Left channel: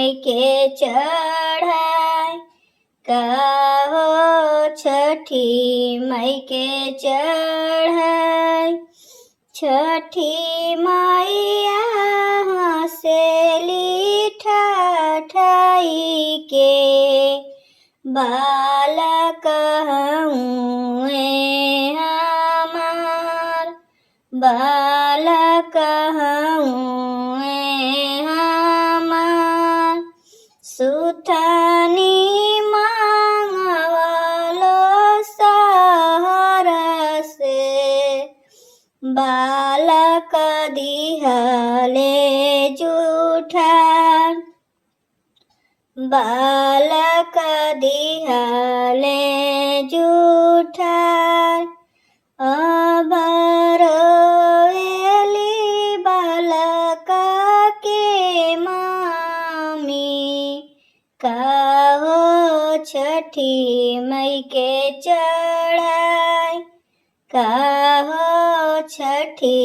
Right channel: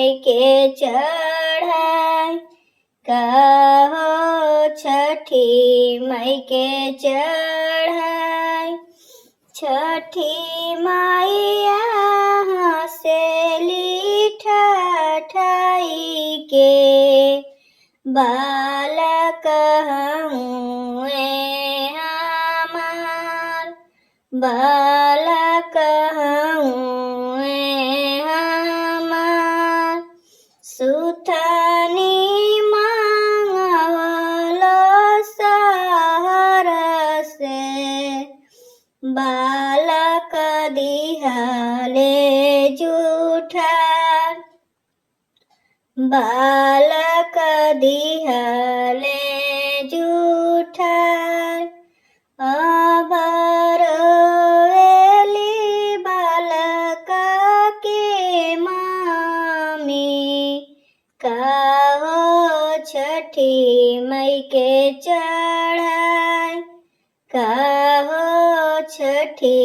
मई के चढ़ाई। कहो छठी मई के चढ़ाई। छठी मैया हँसेली ठाठाई के बालक हुए हमार। बालक हुए हमार। सुथनी मांगवलो शहर से बालक दिहले जूठार। बालक दिहले जूठार। अबरोएली बालक के मामी। कहो छठी मई के चढ़ाई। कहो छठी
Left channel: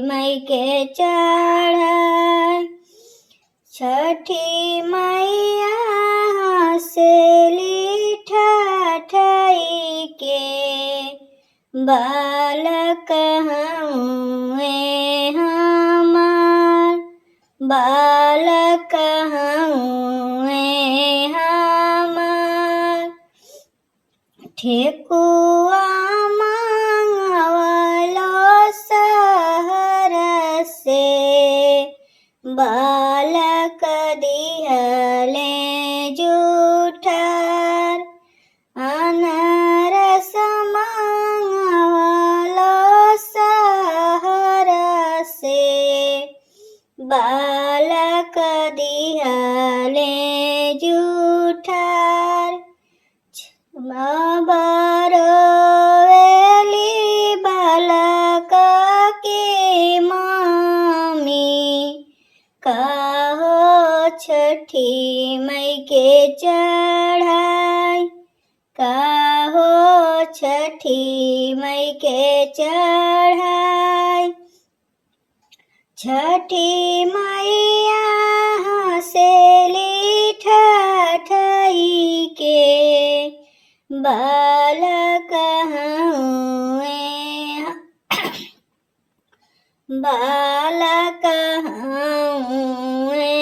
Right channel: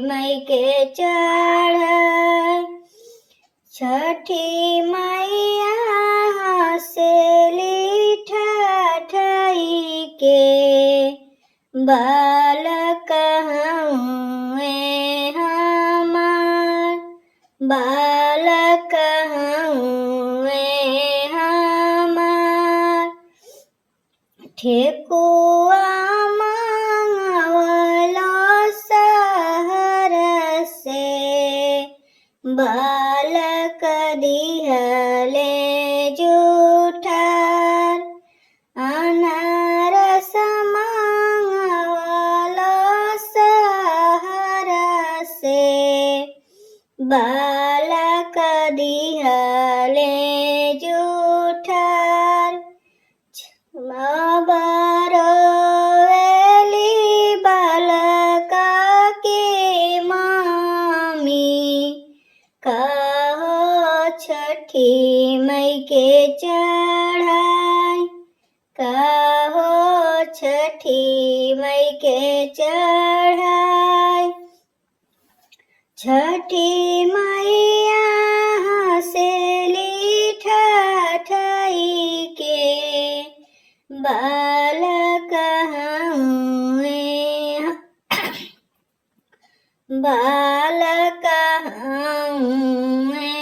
मई के चढ़ाई। छठी मैया हँसेली ठाठाई के बालक हुए हमार। बालक हुए हमार। ठेकुआ मांगवलो शहर से बालक दिहले जूठार। अनारस मांगवलो शहर से बालक दिहले जूठार। अबरोएली बालक के मामी। कहो छठी मई के चढ़ाई। कहो छठी मई के चढ़ाई। छठी मैया हँसेली ठाठाई के बालक हुए बालक हुए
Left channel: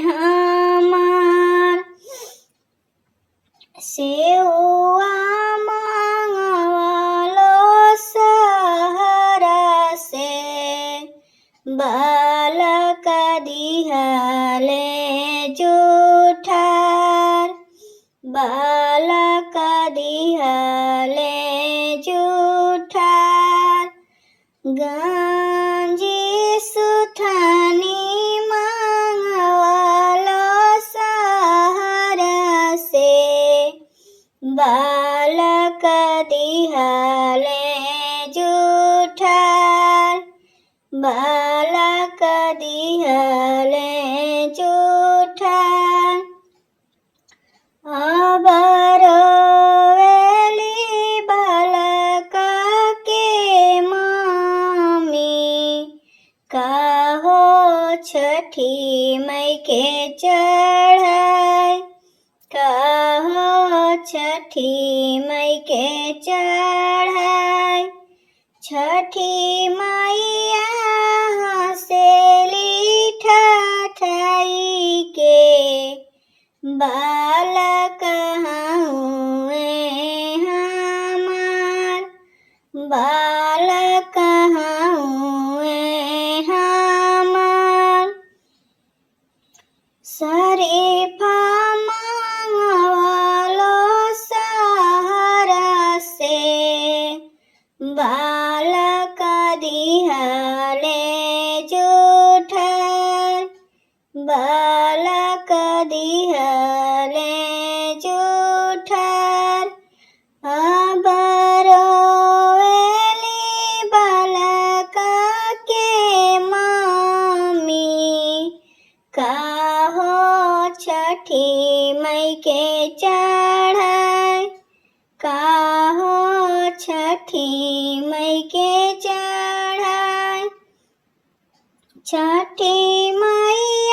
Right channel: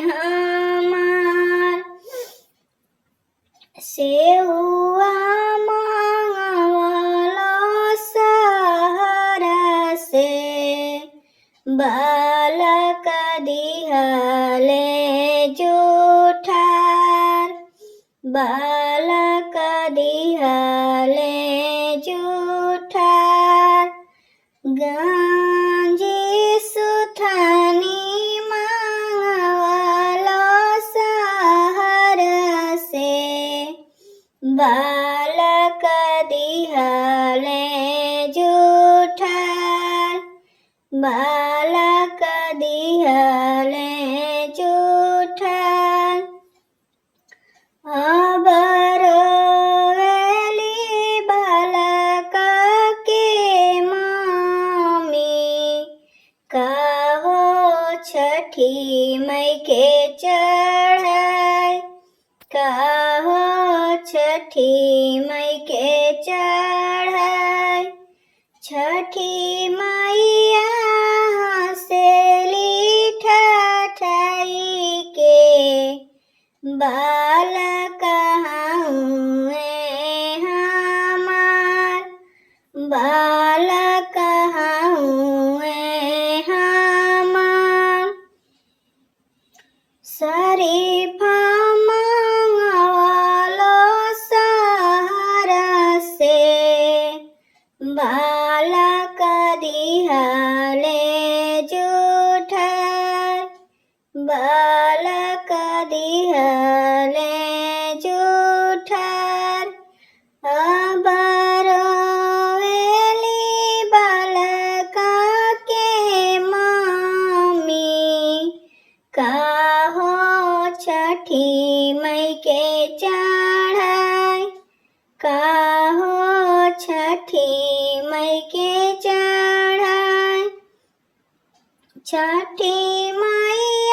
हमार। सेउआ मांगवलो शहर से बालक दिहले जूठार। बालक दिहले जूठार। गांजी सुथनी मांगवलो शहर से बालक दिहले जूठार। बालक दिहले जूठार। अबरोएली बालक के मामी। कहो छठी मई के चढ़ाई। कहो छठी मई के चढ़ाई। छठी मैया हँसेली ठाठाई के बालक हुए हमार। बालक हुए हमार। शरीफा मांगवलो शहर से बालक दिहले जूठार। बालक दिहले जूठार। अबरोएली बालक के मामी। कहो छठी मई के चढ़ाई। कहो छठी मई के चढ़ाई। छठी मैया